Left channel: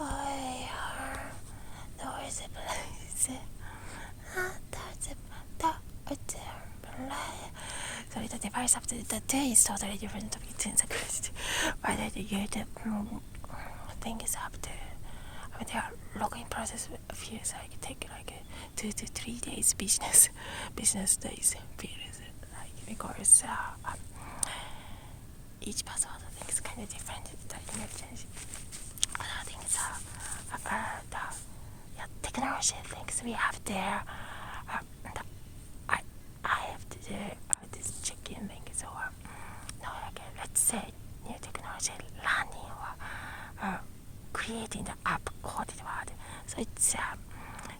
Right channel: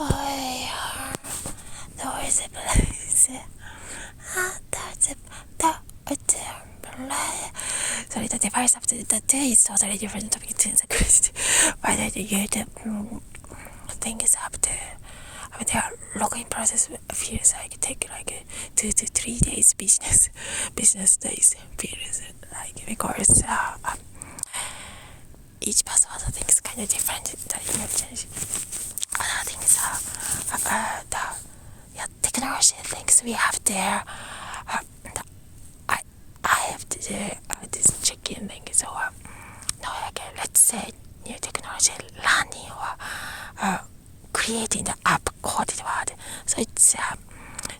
I there is a place. Sorry, the device of the day is totally different between the Christ. But the thing is up to their login process feels like take like 2 to 3 days business days feels like because each password thing is kind of different. The other things the technology things we have there. I have to do this check-in thing. So no, like let's say new technology learning or creating the app coded word. So it's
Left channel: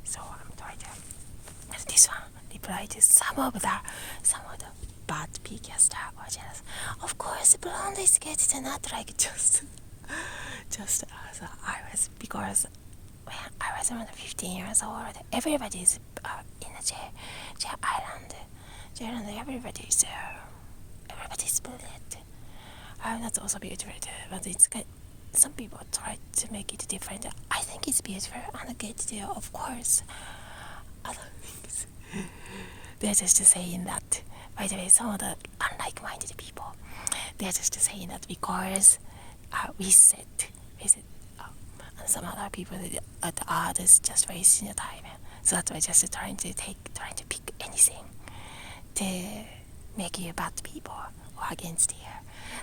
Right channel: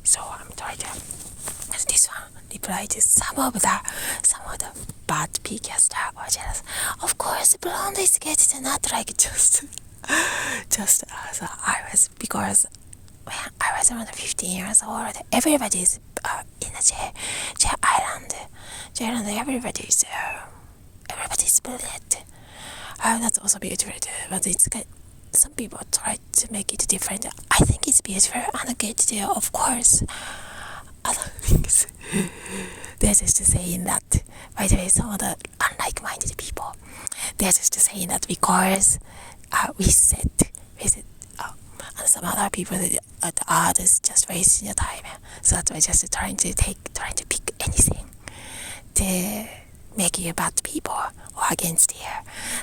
so I'm trying to this one reply to some of the bad PCaster or jealous. Of course, blonde is getting not like just as I was because when I was around 15 years old, everybody's in a J Island. Everybody's brilliant. That's also beautiful too, but it's kind. Some people try to make it different. I think it's beautiful and good too, of course. Other things. They're just saying that. By the way, some of the unlike-minded people, they're just saying that because we said, and some other people that are just wasting your time. So that's why just trying to pick anything to make you bad people or against you.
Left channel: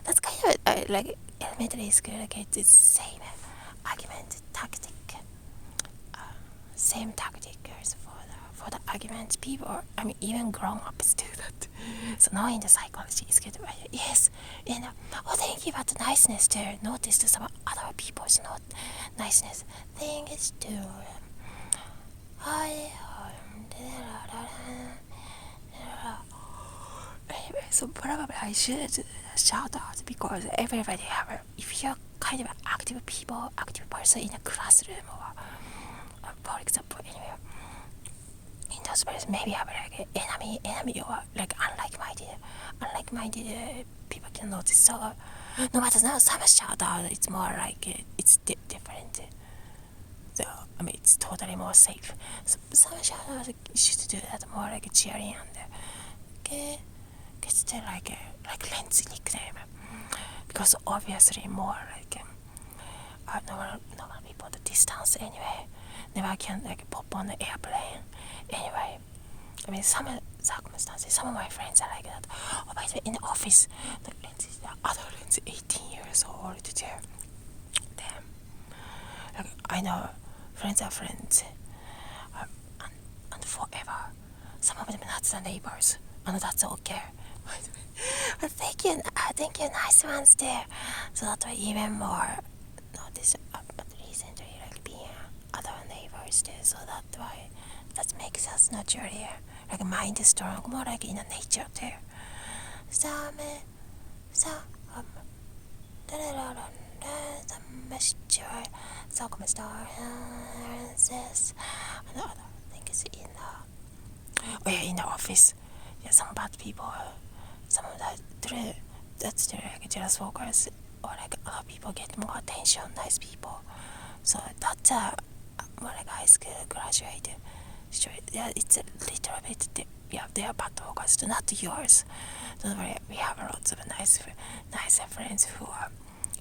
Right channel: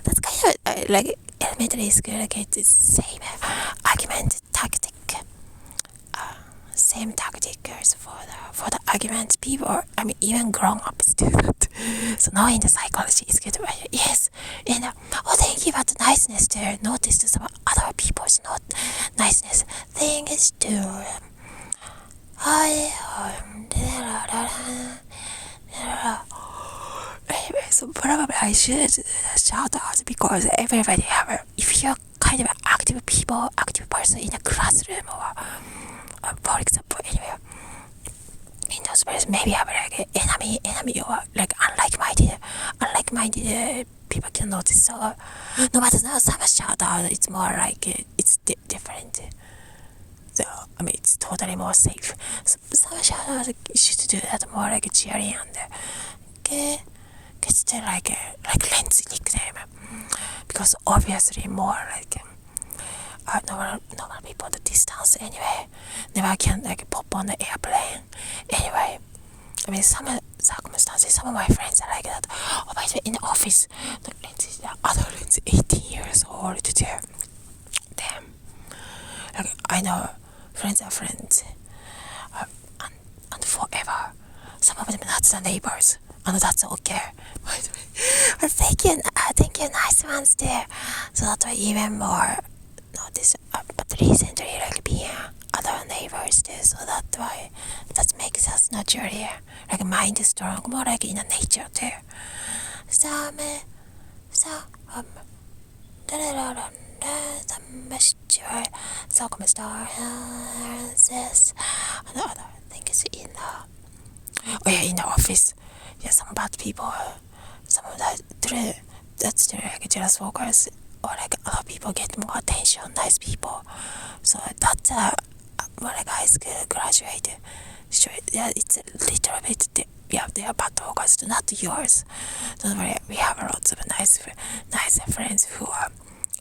That's kind of like elementary school, like it's the same argument tactic. Same tactic goes for the argument. People, I mean, even grown-ups do that. So knowing the psychology is good. Yes, and thank you about the niceness there. Notice some other people's not niceness. Thing is to anyway, so probably I should shout out because everybody have if you're kind of an active person in a classroom or for example anywhere in those places maybe have like enemy or like unlike-minded people can notice. So no matter now some shout out, it's more like it's different. So I mean it's totally more safe. So some shout out should do that more like cheering and gets like Lens nickname because obviously more like normal people the distance anyway never can like pop on the airplane anyway. I mean some circumstances some of my friends are like that. Oh, by the way, in the office the other Lens 18 years old too. Damn, like I know friends are friends and forever. Some of them not the neighbors and that's okay. By the way, but thank you, nice ones there. So that way even more notice. But recently, like being other neighbors there, so that why that makes us naturally like mind strong, more like in the nature too. So come stars and other things in the office. Yeah, some bad people, some of that's like jealous workers or like other people get more attention, nice people. So that's more like high school graduate. So yeah, it's a little bit. They are bad workers, not yours. Don't worry, we have lots of nice friends who are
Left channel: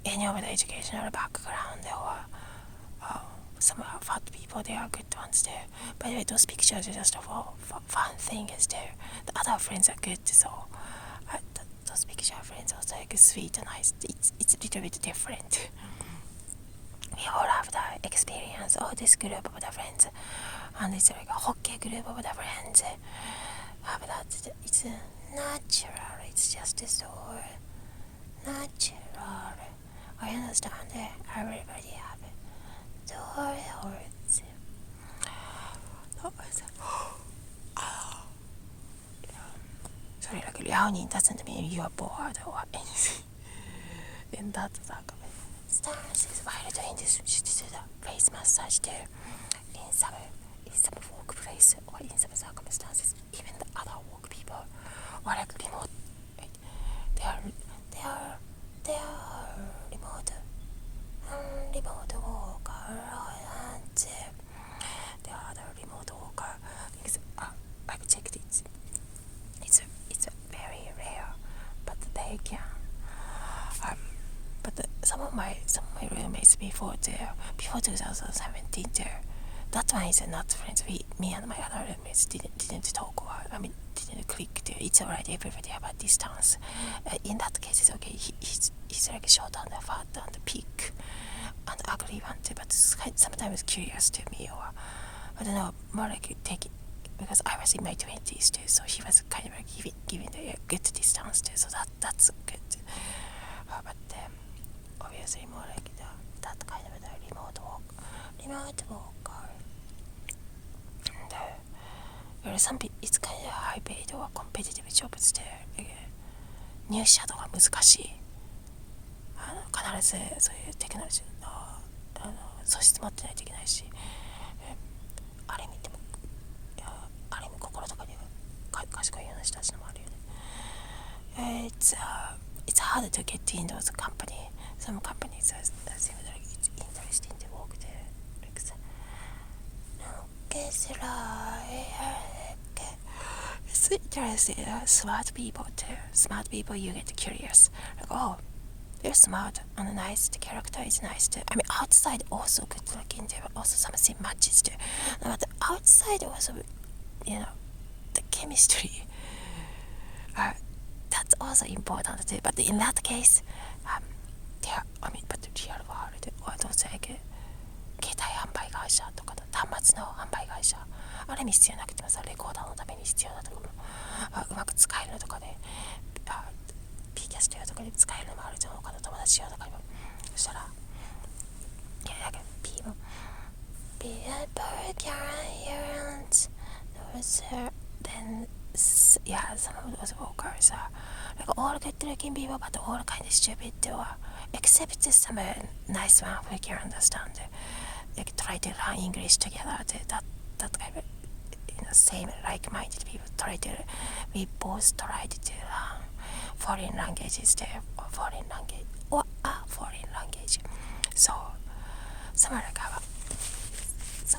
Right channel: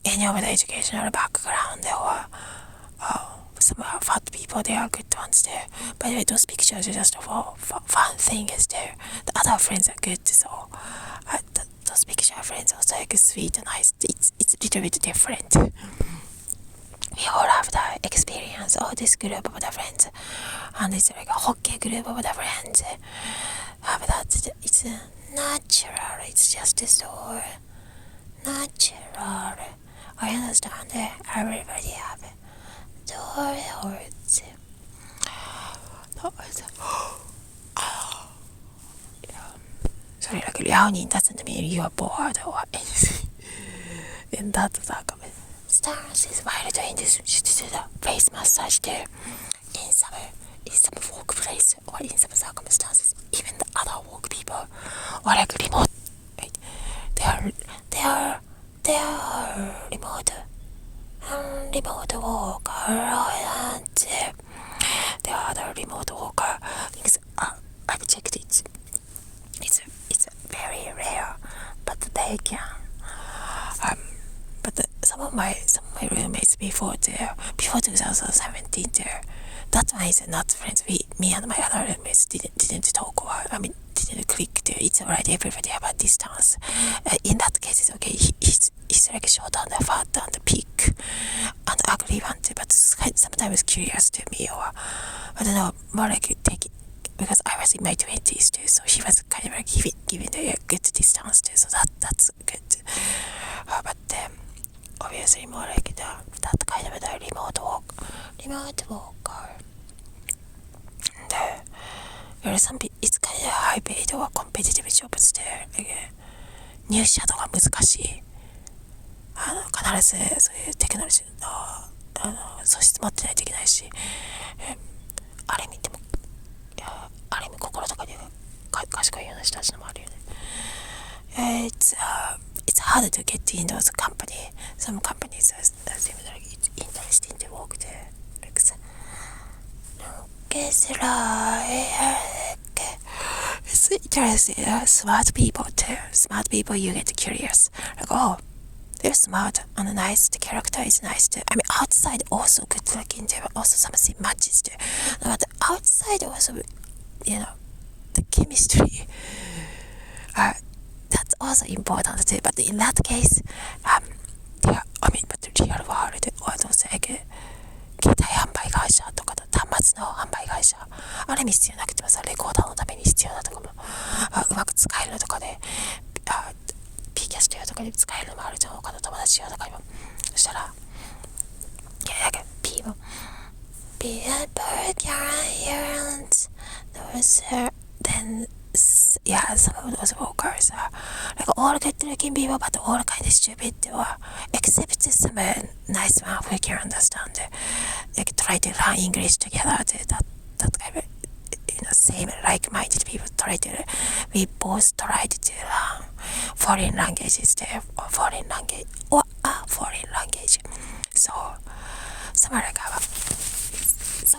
any of the educational background or some fat people. They are good ones there. By the way, those pictures are just for fun thing is there. The other friends are good, so those picture friends are also like sweet and nice. It's a little bit different. We all have the experience of this group of the friends, and it's like a hockey group of the friends. But that it's natural. It's just so natural. I understand that everybody have words. Sorry, like liaoning doesn't mean you are bored or anything. In that circumstance, stance is while doing this, should do the face massage there in some workplace or in some circumstances, even the other work people or like remote. Right? They are remote. And remote worker and the other remote worker things. I've checked it. It's very rare, but they can. But some of my roommates before 2017 there, that one is not friends. Me and my other roommates didn't talk, or didn't click there. It's alright. Everybody have a distance. In that case, it's okay. He's like short and fat and big and ugly one too, but sometimes curious to me, or I don't know, more like take it. Because I was in my 20s too, so he was kind of like giving a good distance too, so that's good. But obviously more like that kind of the remote worker. And there are some people, it's kind of high paid or competitive jobs there.入社とか難しい。必ずそういうテクノロジーの素質持ってないといけないし、ある意味でもある意味心とかに賢いような人たちのもあるよね。It's hard to get in those companies. Some companies seem like it's interesting to work there. It's interesting. Smart people too. Smart people, you get curious. Like, oh, they're smart and nice. The character is nice too. Outside also good looking too. Also something matches too. But outside also, the chemistry. That's also important too. But in that case, but the real world, or those like 携帯販売会社とか端末の販売会社、ある意味必要なくてもさ、レコーダーのために必要だとかもうまく使えるのとかで、P キャスト用とかで使えるのもあるじゃん。他の友達用とかにも。そしたら、people burger and those then some of those workers are like all good looking people, but all kind of stupid, or except some nice one who can understand, like try to learn English together. That kind of same like-minded people we both tried to learn foreign languages there, or foreign language. So somewhere like so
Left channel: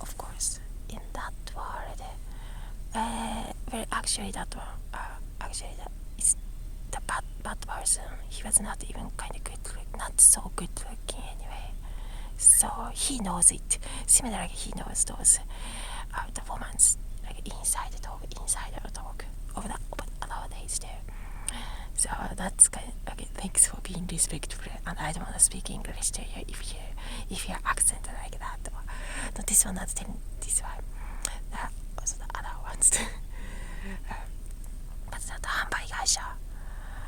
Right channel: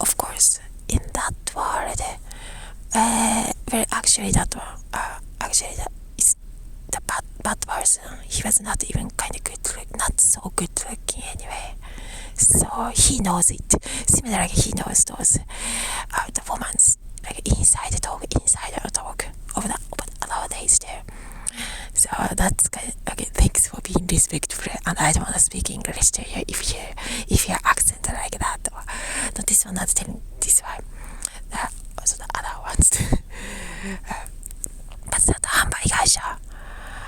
of course in that world. Actually that is the bad person. He was not even kind of not so good looking anyway. So he knows it. Similar like he knows those the woman's like inside out talk of nowadays there. So that's kind of, okay. Thanks for being respectful. And I don't want to speak English to you if your accent like that. Or, no, this one not telling this one. Also the other ones too. But that 販売会社、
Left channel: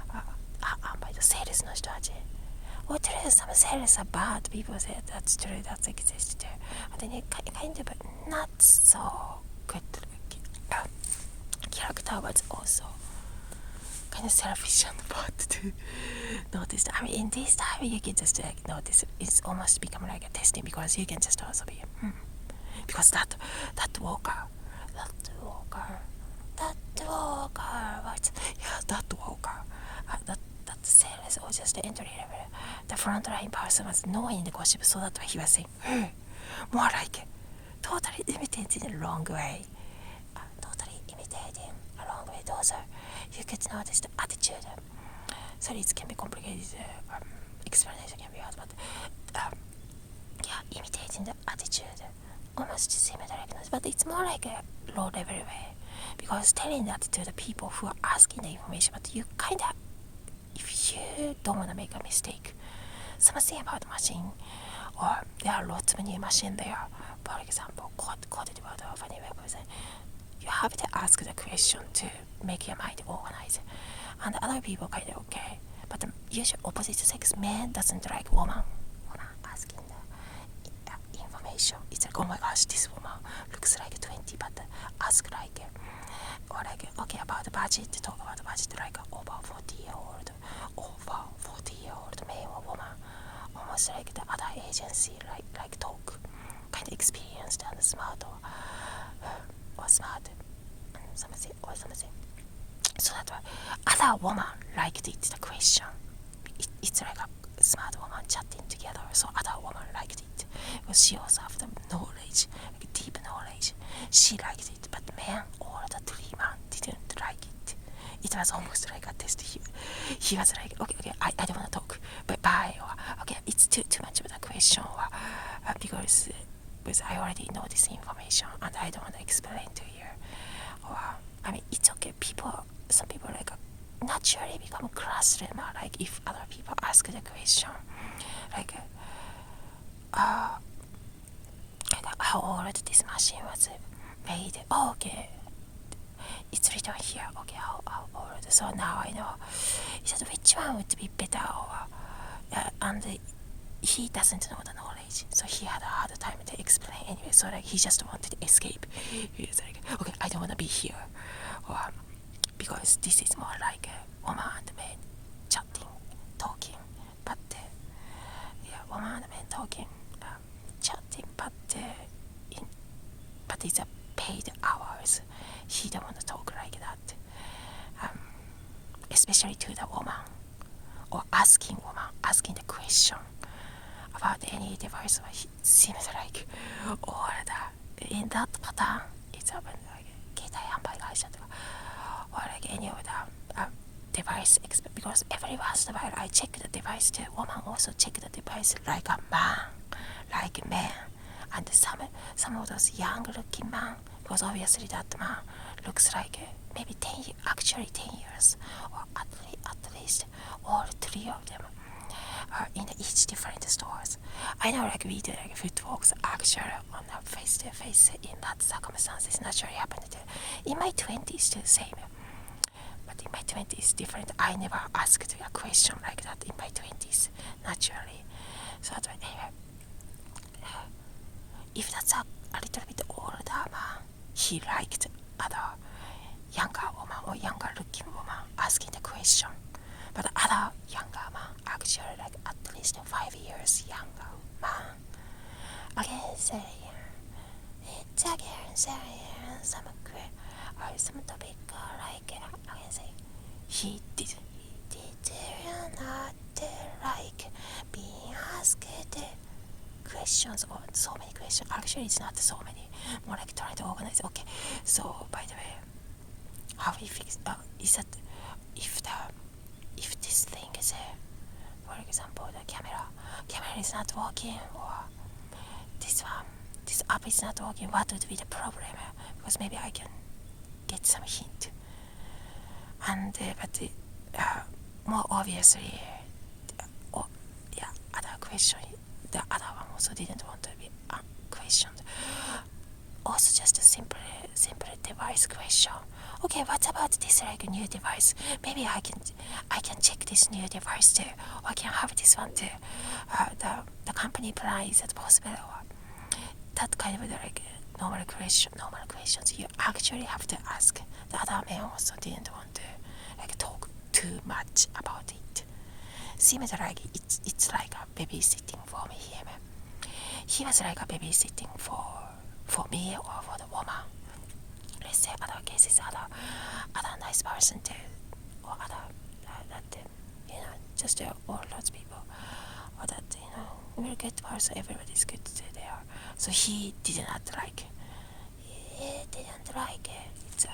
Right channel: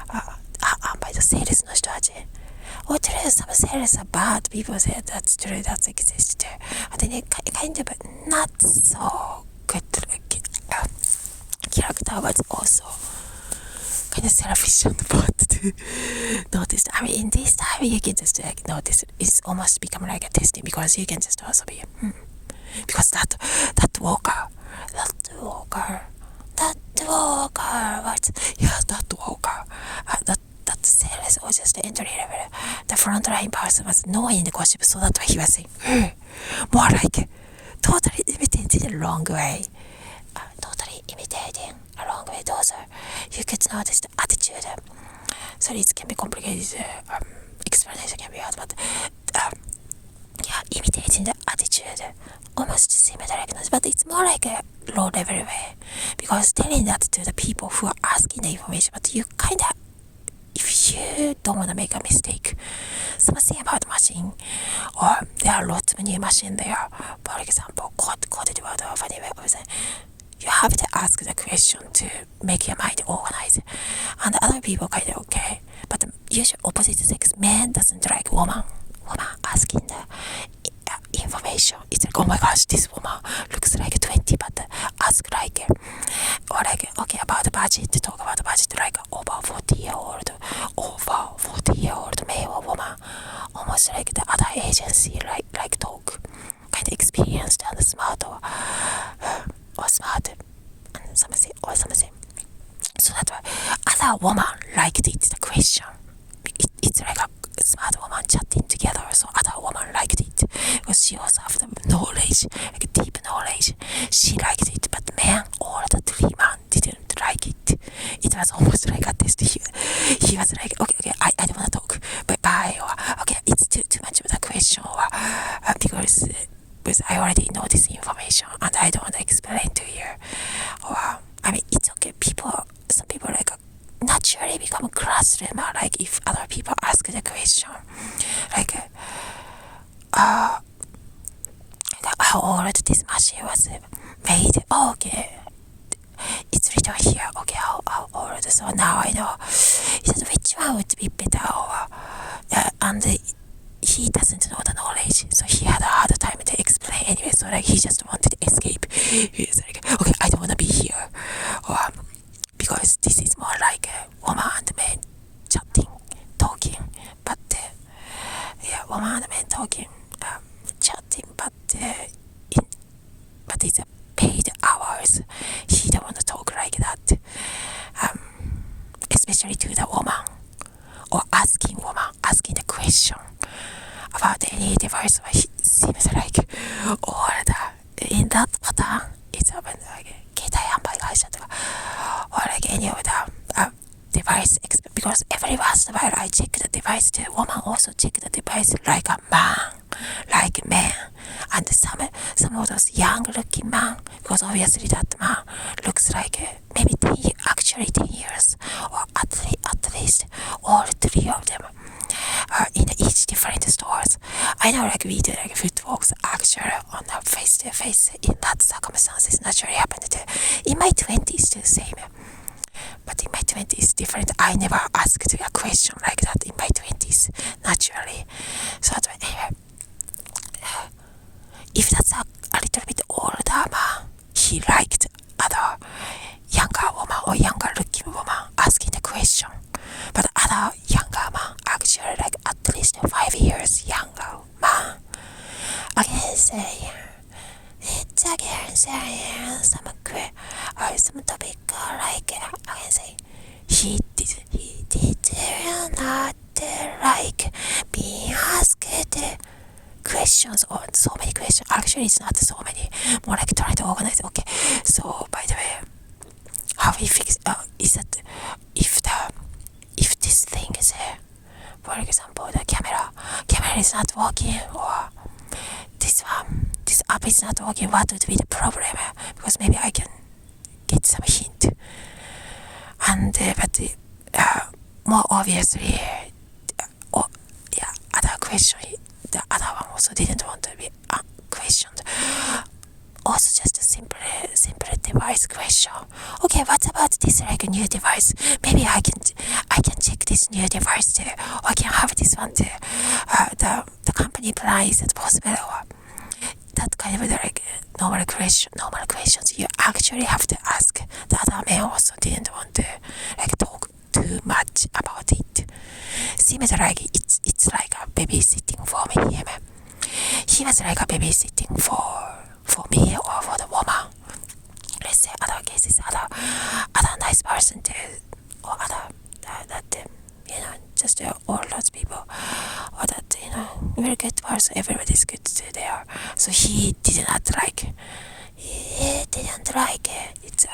販売とセールスの人たち。Or true, some sales are bad. People say that's true, that's exists too. But then kind of not so good character was also kind of selfish and bad to notice. In this time you can just notice it's almost become like a testing because you can just also be because that worker that sales was just the entry level. The frontline person was knowing the gossip, so that's why he was saying, more like totally imitating the wrong way. Those are, you could notice the attitude. So it can be complicated. Explanation can be hard, but imitating the attitude. Almost similar diagnosis, but it's more like a low level way because telling that to the people who are asking the information, but you kind of, if you don't want to make a mistake, something about machine, or there are lots of new machine there, for example, coded word or funny way of saying, you have to ask the question to make your mind organized, and other people kind of okay, but usually opposite sex, man doesn't like woman asking the information. It's like, oh my gosh, this woman looks like 20, but ask like, or like, okay, about the budget, talk about the budget, like over 40-year-old male or woman, almost like the other agency, like talk, kind of experienced and smart or smart and something. So that's why other woman liked it, the question. It's like a smart woman chatting together, so because she also have the knowledge, like deep knowledge. She liked it, but man, all the three men didn't like it. It was almost like a test. He was like, okay, I don't want to talk, bye, or okay, it's too much of the question, or because I already know this information and I don't want to explain to you. Or I mean, it's okay. Some people like naturally become classroom, like if other people ask the question, like how old this machine was made. Oh, okay, it's written here. Okay, how old? So now I know. He said which one would be better, or and he doesn't know the knowledge, so he had a hard time to explain anyway. So like he just wanted to escape. He was like, okay, I don't want to be here, or because this is more like a woman and man chatting, talking, but woman and man talking, chatting, but it's a paid hours. He don't want to talk like that, especially to the woman, or asking the question about any device. It seems like all in that pattern it's happened like 携帯販売会社とか or like any of the device, because every once in a while I check the device, the woman also check the device like a man, and some of those young looking man, because obviously that man looks like maybe 10 years, or at least all three of them are in each different stores. I know like we do like foot walks actually on a face to face in that circumstances naturally happened to in my 20s too, same. But in my 20s different. I never asked a question like that in my 20s naturally. So anyway, if that's a little bit older man, he liked other younger woman or younger looking woman asking the question. But other younger man, actually like at least 5 years younger man, again say, it's again saying some topic like again say, he did not like being asked questions, or so many questions. Actually it's not so many, more like trying to organize. Okay, so by the way, how we fix is that if this thing is for example the camera is not working, or this app is not working, what would be the problem? Because maybe I can get some hint. And but more obviously, other question, the other one also didn't want to be questioned. Also just a simple device question. Okay, what about this like a new device? Maybe I can check this new device too, or I can have this one too. The company plan, is it possible? Or that kind of like normal questions you actually have to ask. The other man also didn't want to like talk too much about it. Seems like it's like a babysitting for me. He was like a babysitting for me or for the woman. Let's say other cases, other nice person too, or other that just all those people, or that very good person. Everybody's good there. So he did not like. He didn't like it's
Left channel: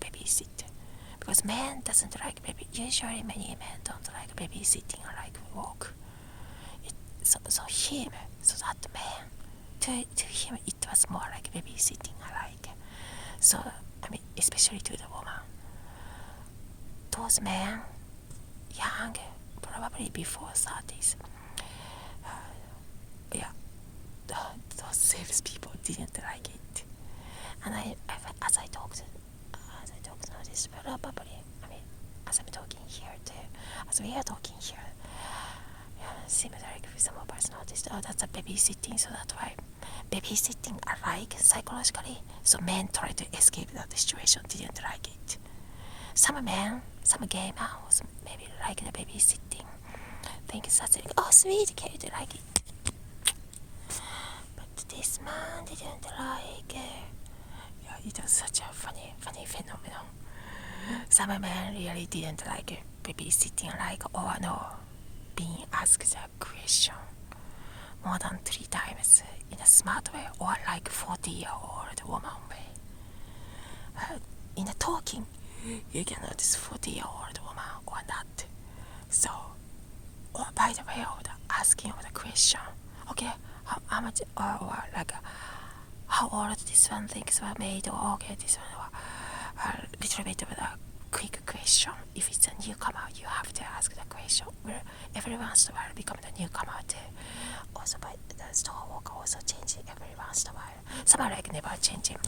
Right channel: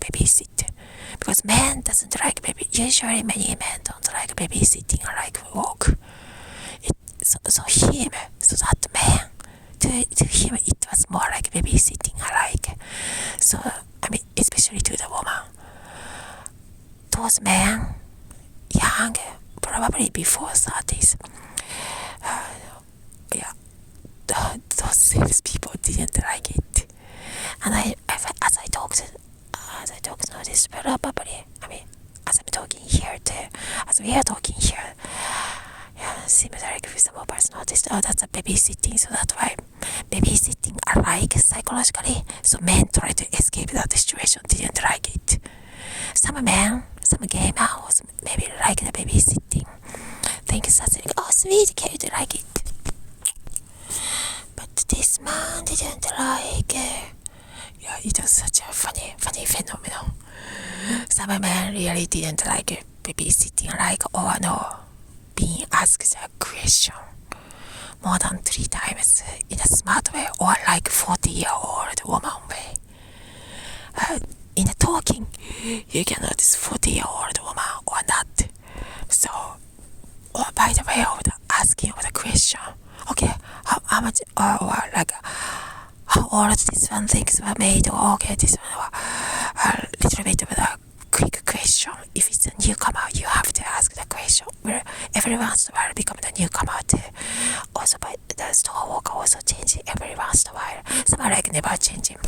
babysit, because men doesn't like baby. Usually many men don't like babysitting or like walk. So that man. To him it was more like babysitting alike. So I mean, especially to the woman, those men young, probably before 30s, those sales people didn't like it. And as I talked to this probably, I mean, as I'm talking here too, as we are talking here, seems like some of us noticed, that's a babysitting, so that's why babysitting alike psychologically. So men try to escape that situation, didn't like it. Some men, some gay men also maybe like the babysitting. Thinks that's like, oh sweet kid, like it. But this man didn't like it. Yeah, it was such a funny phenomenon. Some men really didn't like babysitting, like, or no, being asked a question. more than 3 times in a smart way, or like 40-year-old woman way. In a talking, you can notice 40-year-old woman or not. So, or by the way of the asking of the question, okay, how much, or like, how old this one things were made, or okay, this one, a little bit of a quick question. If it's a newcomer, you have to ask the question. Where every once in a while become the newcomer too. Also, by the store worker also changing every once in a while. Some are like never changing,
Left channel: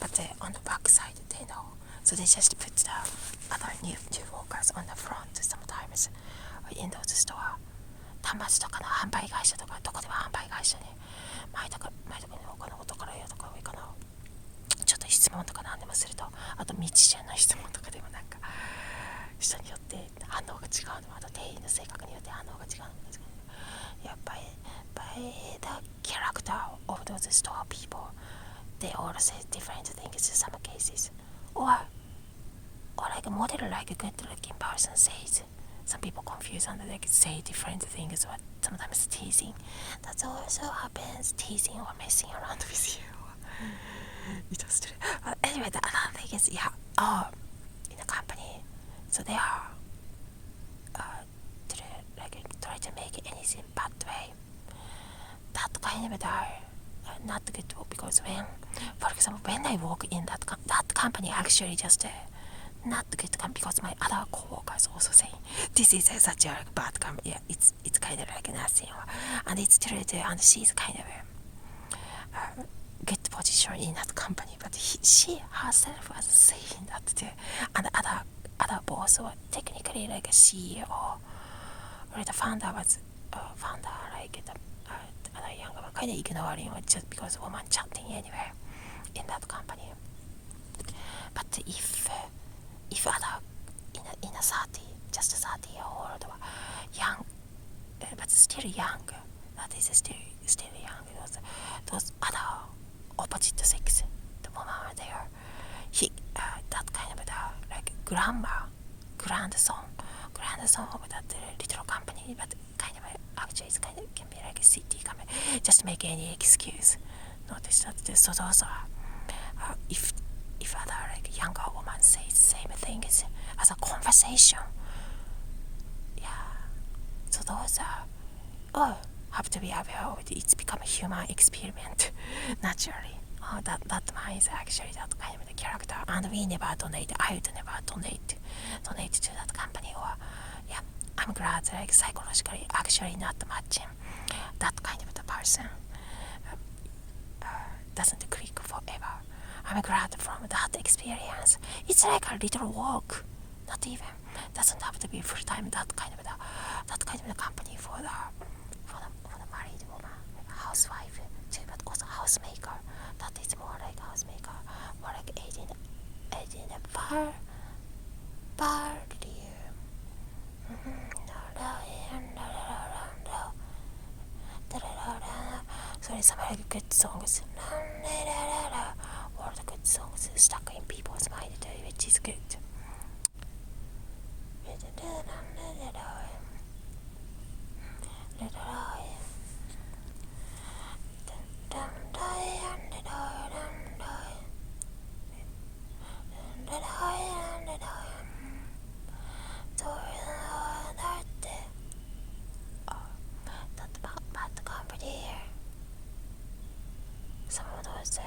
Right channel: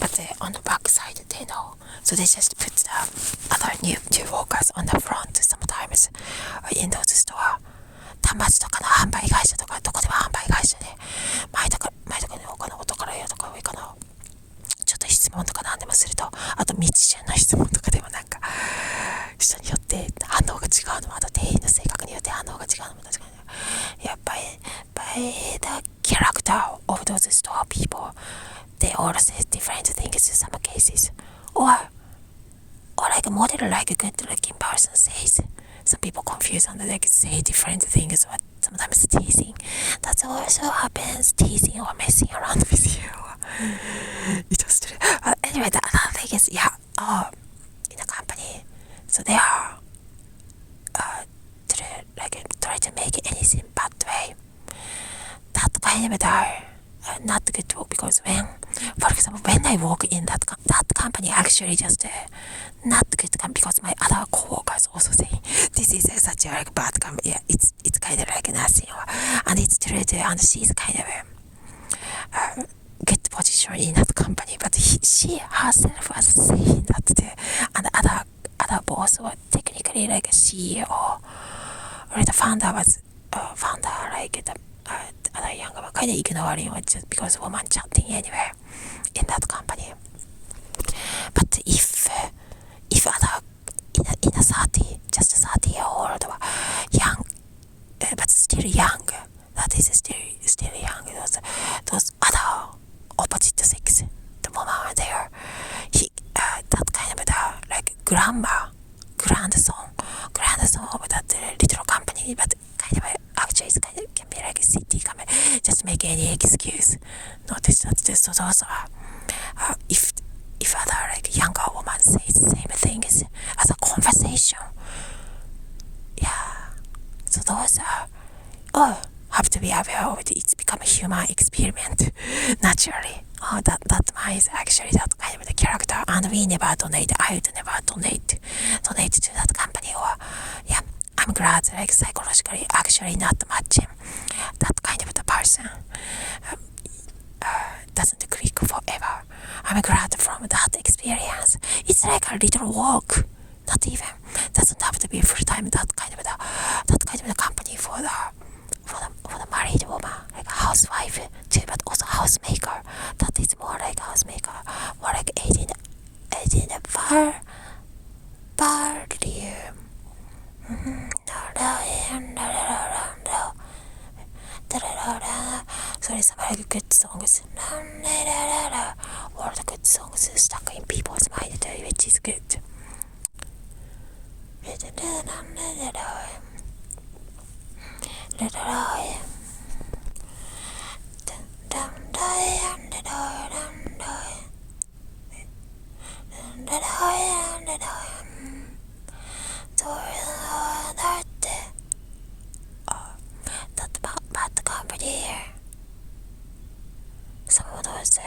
but on the back side they know. So they just put the other new workers on the front sometimes in those store. 端末とかの販売会社とかどこでも販売会社で前とかに他のことからやとか上かなちょっと質問とか何でもするとあと未知数の質問とかでもなんか人によって反応が違うのもあと店員の性格によって反応が違うのも確かにやっぱり by the character of those store people they all say different things in some cases or like a model like a good looking person says some people confuse and they say different things or sometimes teasing. That also happens, teasing or messing around with you. It was true. Anyway, the other thing is, in a company, so they are try to make anything bad way. That kind of not good because for example, when I work in that company, actually just not good because my other co-workers also saying this is such a like bad company. Yeah, it's kind of like nothing, and it's true too. And she's kind of good position in that company, but she herself was saying that too. And other boss were technically like a CEO or the founder was like the other younger one kind of ignoring it just because woman chatting anywhere in that company. But if other in a 30, just 30-year-old young, but still young, that is still young. Those other opposite sex, the woman are there. That kind of like grandson of that little company, but kind of actually it's kind of can be like a city company. Just make any excuse. Notice that so those are if other like younger woman says the same things as a conversation. Yeah. So those are have to be aware of it. It's become a human experiment naturally. That one is actually that kind of the character, and we never donate. I would never donate to that company. Or yeah, I'm glad like psychologically actually not matching that kind of the person doesn't click forever. I'm glad from that experience. It's like a little work. Not even doesn't have to be full time. That kind of the company for the married woman, like a housewife too, but also housemaker. That is more like housemaker, more like 18 volume. Sorry, some like good songs. All the good songs stuck in people's mind too, which is good. That bad company here. Some of those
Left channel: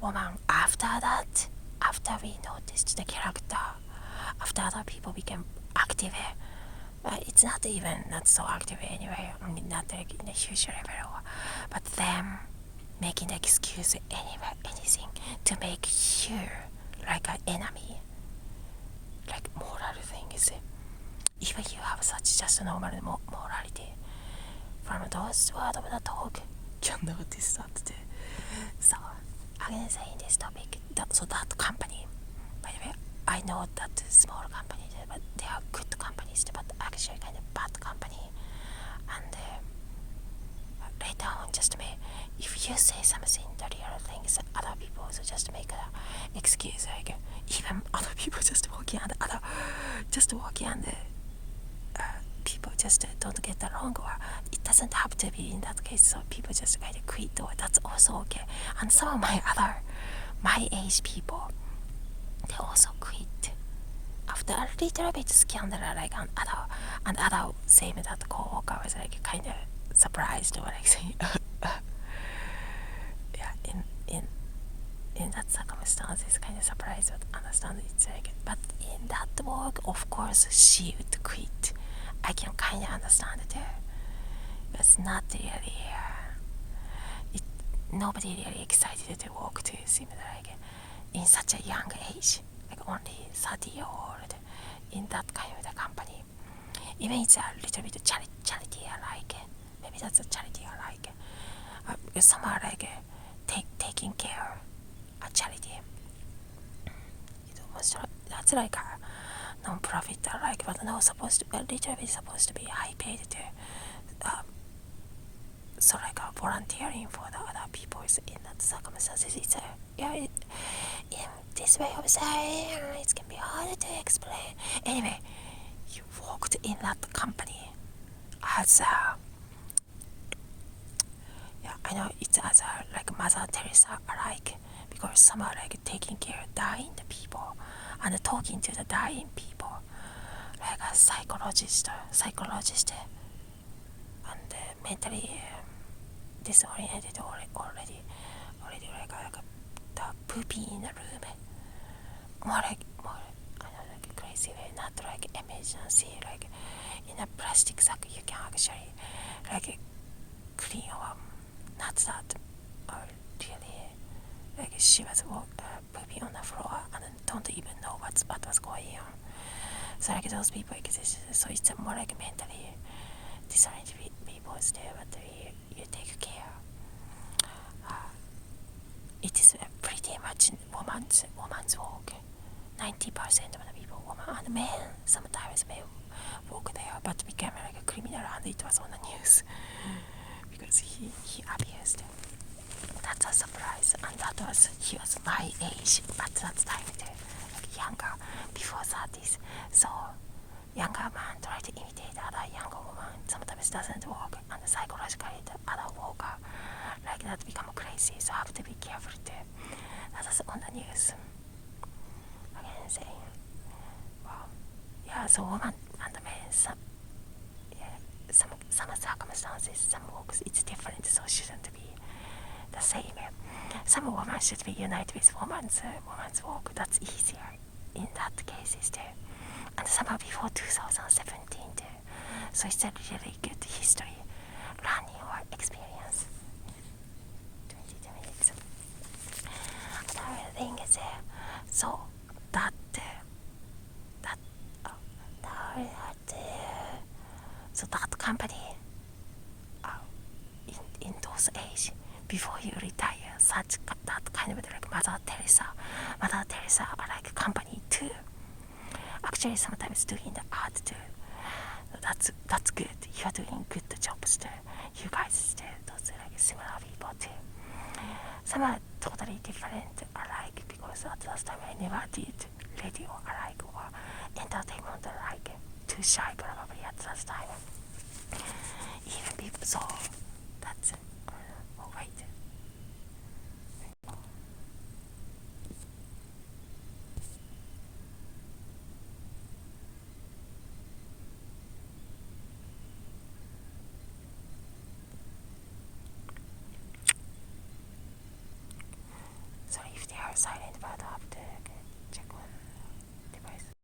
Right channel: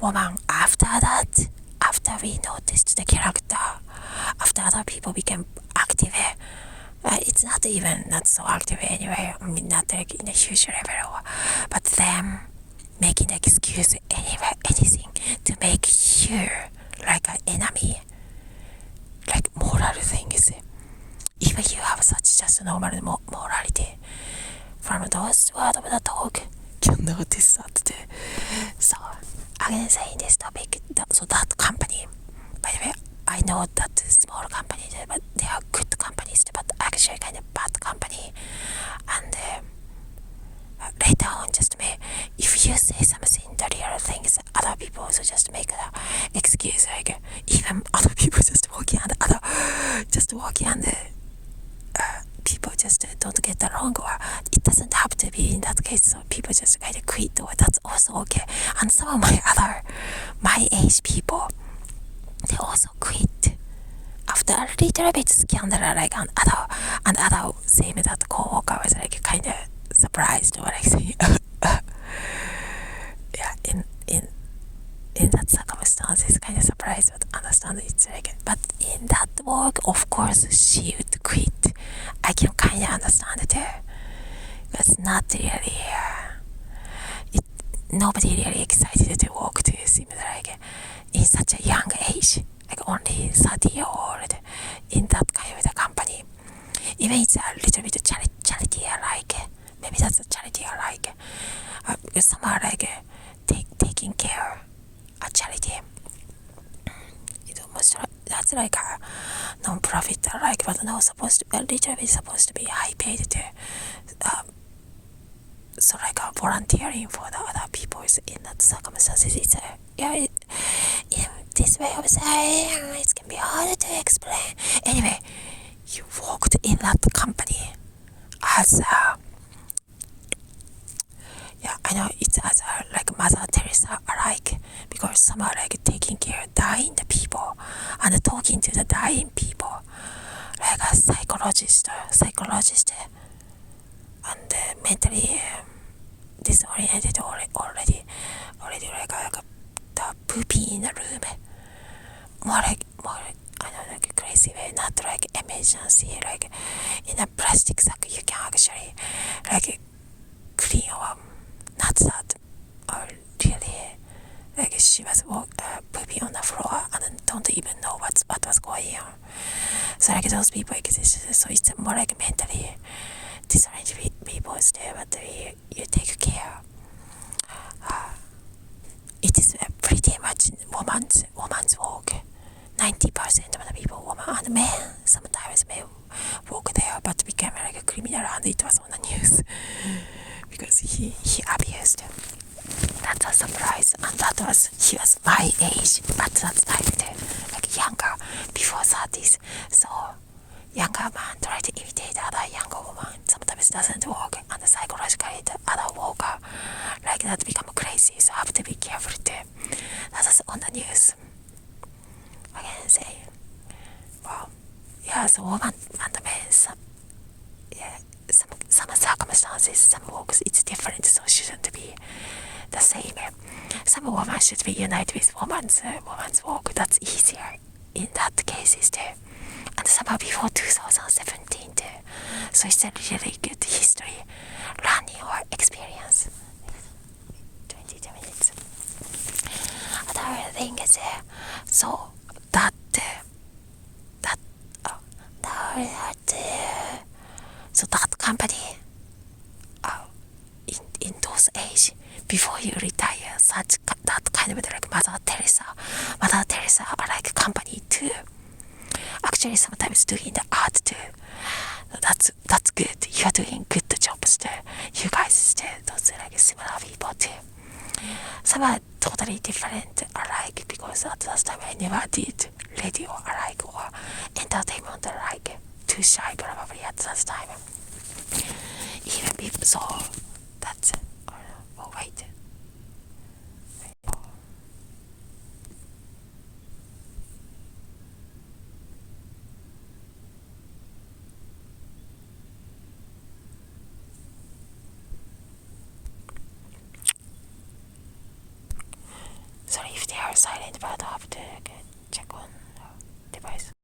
woman after we noticed the character, after other people became active, it's not so active anyway. I mean, not like in a huge level, but them making excuse anyway, anything to make you like an enemy, like moral things. Even you have such just normal morality from those words of the talk, can notice that too. So again, saying this topic, so that company, by the way, I know that small companies, but they are good companies, but actually kind of bad company. And later on, just if you say something, the real things, other people also just make an excuse, like even other people just walking and people just don't get along, or it doesn't have to be in that case, so people just kind of quit, or that's also okay. And some of my age people, they also quit after a little bit scandal, like, and other same that co-worker was like kind of surprised, or like saying, yeah, in that circumstance, it's kind of surprised, but understand it's like, but in that work, of course, she would quit. I can kind of understand it. It's not really, nobody really excited to work to, seems like, in such a young age, like only 30 years old, in that kind of the company. Even it's a little bit charity alike. Maybe that's a charity alike. Because some are like taking care a charity. It's almost that's like a non-profit alike, but now supposed to a little bit supposed to be high paid to. So like volunteering for the other people in that circumstances, it's in this way of saying it can be hard to explain. Anyway, you worked in that company as yeah, I know it's as like Mother Teresa alike, because some are like taking care of dying the people and talking to the dying people, like a psychologist, and mentally disoriented already like the pooping in the room, more I know, like crazy way, not like emergency, like in a plastic sack you can actually like clean, or not that, or really like she was pooping on the floor and don't even know what was going on. So like those people exist, so it's more like mentally disoriented people there, but you take care. It is pretty much woman's work. 90% of the people, women and men, sometimes may work there, but became like a criminal, and it was on the news because he abused. That's a surprise, and he was my age at that time, like younger, before 30s. So younger man try to imitate other younger woman, sometimes doesn't work, and psychologically the other worker like that become crazy, so have to be careful too. That's on the news. Again saying, well, yeah, so woman and men, some circumstances, some works it's different, so shouldn't be the same. Some women should be united with woman's work, that's easier in that cases too. And some are before 2017 too. So it's a really good history, learning or experience. 22 minutes. Another thing is, so so that company, in those age, before you retire, that kind of like Mother Teresa are like company too. Actually, sometimes doing the art too. That's good. You're doing good jobs too. You guys too. Those are like similar people too. Some are totally different alike, because at that time I never did radio alike or entertainment alike. Too shy probably at that time. Even people, so that's oh wait. Sorry if they are silent, but I have to